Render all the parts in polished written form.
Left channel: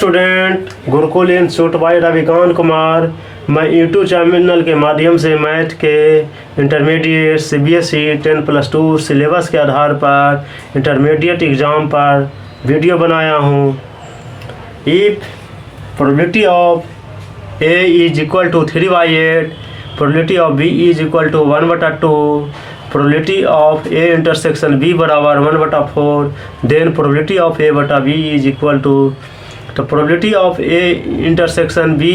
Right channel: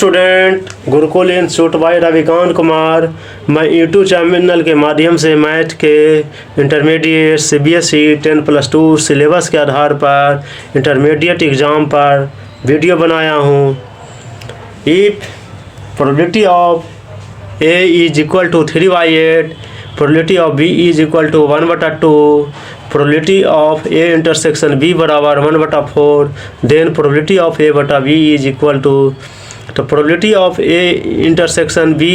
Student Gurukul institute by Ravikant Kumar. मैं YouTube channel के माध्यम से मैथ के इंटरमीडिएट सीबीएसई 10+2 सिलेबस के आधार पर इंटरमीडिएट एग्ज़ाम पर वीडियो बनाया हूँ। If probability of A is equal to 3/8, probability of B is equal to 1/2, probability of A intersection B बराबर 1/4, देन प्रोबेबिलिटी ऑफ ए बटा बी इज इक्वल टू, तो probability of A intersection B,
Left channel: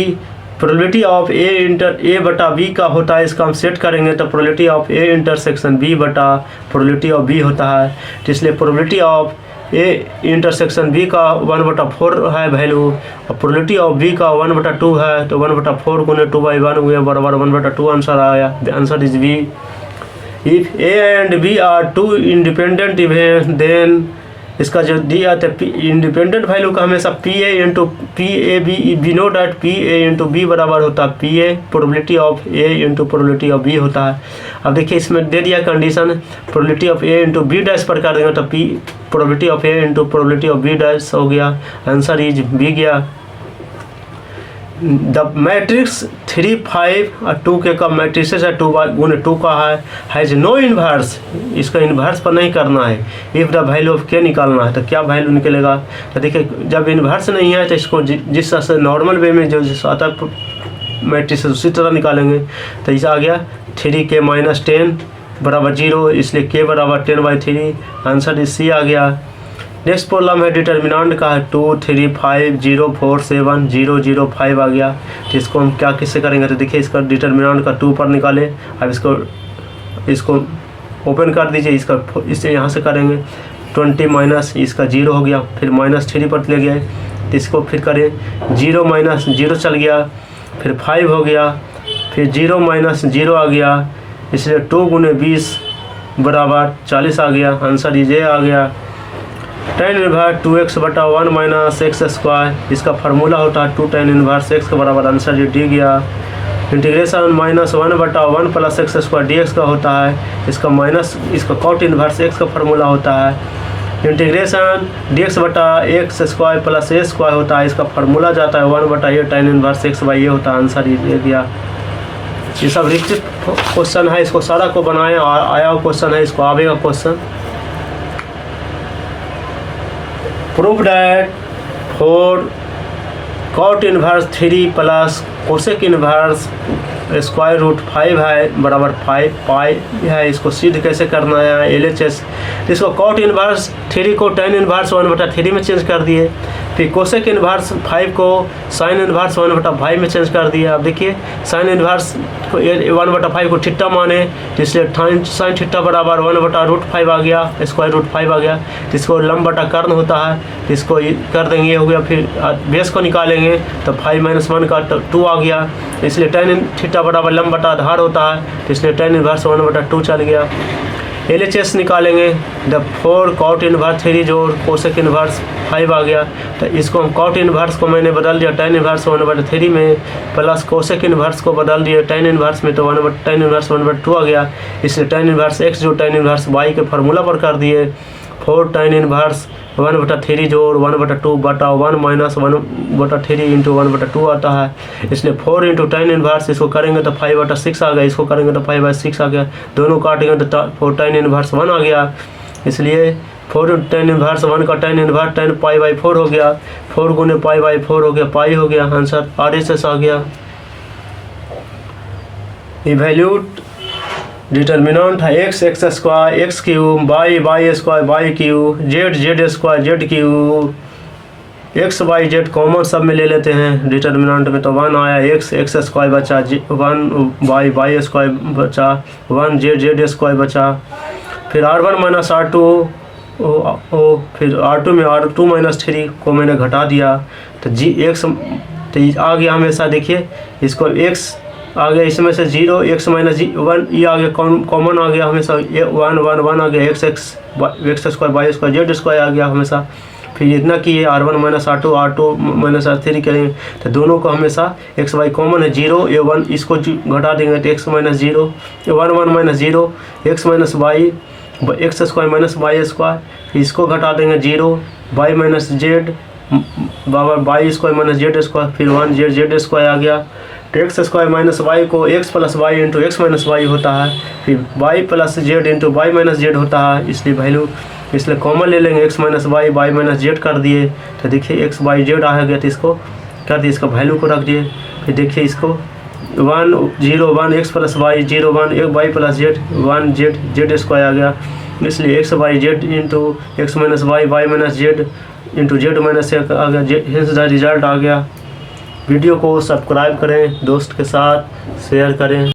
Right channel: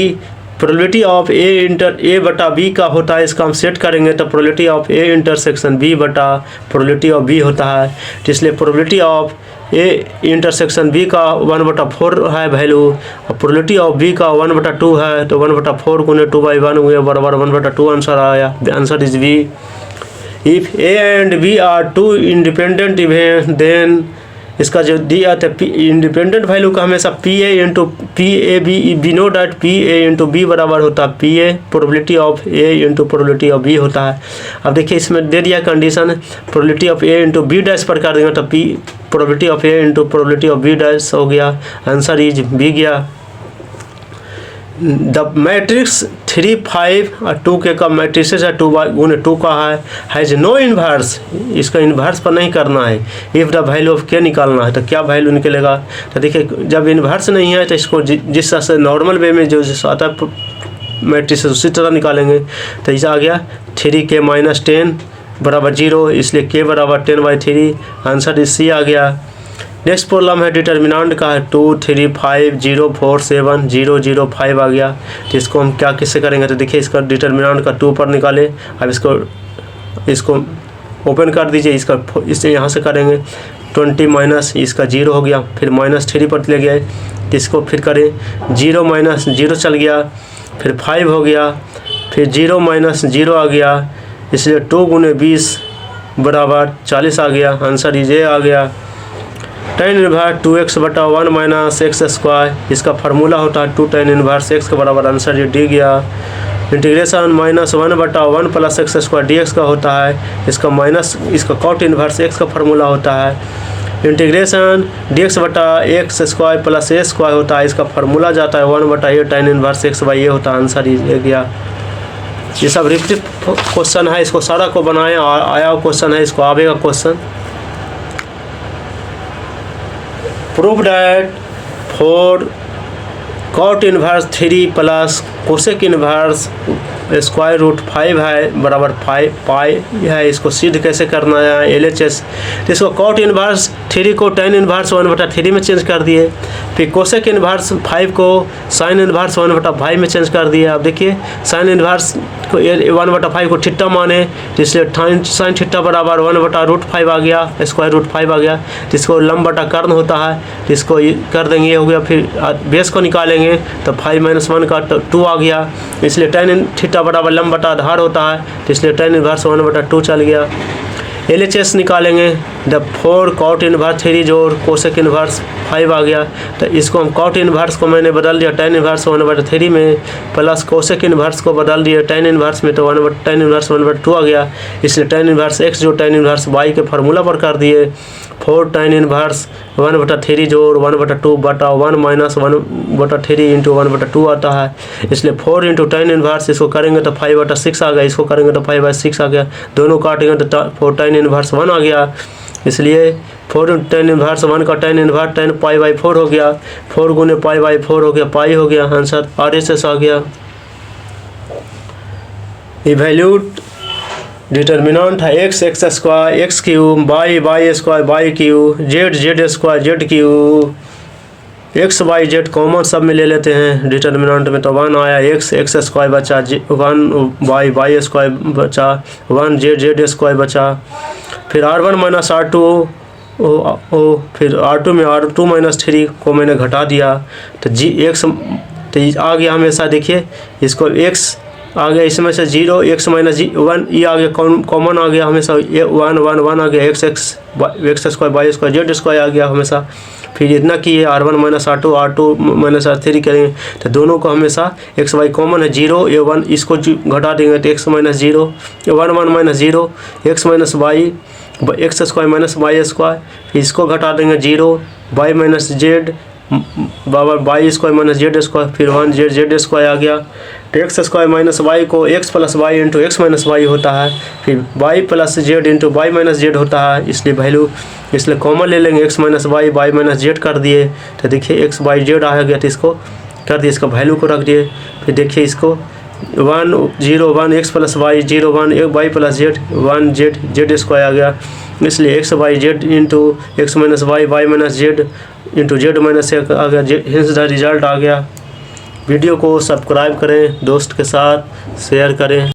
probability of A बटा B का होता है, इसका हम set करेंगे तो probability of A intersection B बटा प्रोबेबिलिटी ऑफ बी होता है। तो इसलिए probability of A intersection B का 1/4 है वैल्यू, और प्रोबेबिलिटी ऑफ बी का 1/2 है, तो 1/4 गुने 2/1 हुए बराबर 1/2 आंसर आया। The answer is B. If A and B are two independent event, then इसका जो दिया था इंडिपेंडेंट वैल्यू का हमेशा P A into P A B know that P A into B बराबर होता है P A probability of A into probability of B होता है। अब देखिए इसमें दे दिया condition probability of A into B dash पर कर देंगे तो P probability of A into probability of B dash हो गया। आंसर इज बी गया। द मैट्रिक्स 3, 5 और 2 के का मैट्रिक्स है 2/2 का हैज नो इन्वर्स, इसका इन्वर्स पर नहीं करना है। इफ़ द वैल्यू ऑफ के निकालना है तो क्या वैल्यू निकलेगा, तो देखिए जब इन्वर्स नहीं है तो इसको जिस तरह से नॉर्मल वे में जो आता है मैट्रिक्स उसी तरह निकालेंगे। तो इसे आ गया 3k - 10 बराबर 0, इसलिए k बराबर 10/3। आंसर इस सी आ गया। नेक्स्ट प्रॉब्लम है डिटर्मिनेंट का है 2, 3, 5, 0, 4, 7, 0, 0, 5 आ गया। तो इसको हम क्या किससे करेंगे, तो देखिए इसका डिटर्मिनेंट का 2 पर निकाले। अब इसको ओपन कर दीजिए, इससे यहाँ से करेंगे 20 माइनस इसका 0 हो गया, फिर -3 पर ले गए तो इसको फिर करें 0 - 0 चल गया, फिर 5 हो गया, फिर 0 - 0 आ गया, इसलिए 2 गुने 20 बराबर 40 आ गया। आंसर इज ए आ गया। tan इनवर्स 2x बटा 1 - x², इसका फार्मूला होता है 2 tan इनवर्स x के बराबर। आंसर ये डी गया। इंटीग्रेशन -1 बटा 1 + x² dx का होता है, इसका cot इनवर्स x का फार्मूला होता है। इंटीग्रेशन dx बटा x² + a² होता है, इसका फार्मूला जाता है 1/a tan इनवर्स x/a होता है। आंसर ये गया। ये सब रिपीट क्वेश्चन है, इसको सारा को बनाया आया क्वेश्चन है, इसको आवेगा question. Prove that 4 cot inverse 3 plus cosec inverse √5 है बराबर 5 पाई है। इसको सिद्ध कैसे करना है LHS। इसको cot इनवर्स 3 को tan इनवर्स 1/3 में चेंज कर दिए, फिर कोसेक इनवर्स 5 को साइन इनवर्स 1/5 में चेंज कर दिया। अब देखिए साइन इनवर्स को 1/5 को थीटा माने, इसलिए साइन थीटा बराबर 1/√5 आ गया, √5 आ गया। जिसको लंब बटा कर्ण होता है, इसको कर देंगे, ये हो गया। फिर बेस को निकालेंगे तो 5 - 1 का 2 आ गया, इसलिए tan थीटा बराबर लंब बटा आधार होता है, तो इसलिए tan इनवर्स 1/2 चल गया। LHS निकालेंगे, द 4 cot इनवर्स 3 जोड़ कोसेक इनवर्स 5 आ गया। तो इसको हम cot इनवर्स को मैंने बदल दिया tan इनवर्स 1/3 में, प्लस कोसेक इनवर्स को बदल दिया tan इनवर्स में, तो tan इनवर्स 1/2 आ गगया। इसलिए tan इनवर्स x जो tan इनवर्स y के फार्मूला पर कर दिए। 4 tan इनवर्स 1/3 जोड़ 1/2 बटा 1 - 1/3 इंटू 1/2 आता है, इसलिए 4 इंटू tan इनवर्स इसको करेंगे तो 5/6 आ गया, इसको करेंगे तो 5/6 आ गया। दोनों काटेंगे तो 4 tan इनवर्स 1 आ गया, इसलिए 4 tan इनवर्स 1 का tan इनवर्स 10 π/4 हो गया, 4 गुने π/4 हो गया, पाई हो गया। आंसर RHS आ गया। इवैल्यूट डिटर्मिनेंट है x x² x cube y y² y cube z z² z cube. x y z common sub में ले लेते हैं डिटर्मिनेंट में, तो 1 आया, x x² बचा, 1 y y² बचा, 1 z z² बचा। फिर r1 - r2 फिर r2 में r2 - 3 को मैंने घटा दिया, तो x तो आ गया हमेशा। देखिए इसको x आ गया, इसमें से 0 x - 1 ये आ गया, कॉमन आ गया हमेशा, 1 1 1 आ गया, x² y² z² आ गया हमेशा। फिर इतना कि r1 - r2 r2 - r3 करें तो दोनों को हमेशा x y कॉमन है, 0 1 इसको घटा देंगे तो x - 0 1 1 - 0 x - y x² - y², फिर इसको घटा देंगे 0 y - z बराबर Y square minus Z square, फिर 1 जेड स्क्वायर आ गया। तो एक्स स्क्वायर माइनस वाई को X plus Y into X minus Y होता है, फिर Y plus Z into Y minus Z होता है, इसलिए वैल्यू इसलिए कॉमन ले लेंगे, X minus Y minus Z कर दिए, तो देखिए एक्स वाई जेड आ गया, तो इसको कर दिए, इसका वैल्यू को रख दिए। फिर देखिए इसको 1 0 1 X plus Y 0 1 Y plus Z 1 Z square आ गया, इसलिए X Y Z into X minus Y minus Z into Z minus आ गया, हिंस द रिजल्ट आ गया। वीडियो को सब्सक्राइब करें, दोस्त के साथ शेयर करें।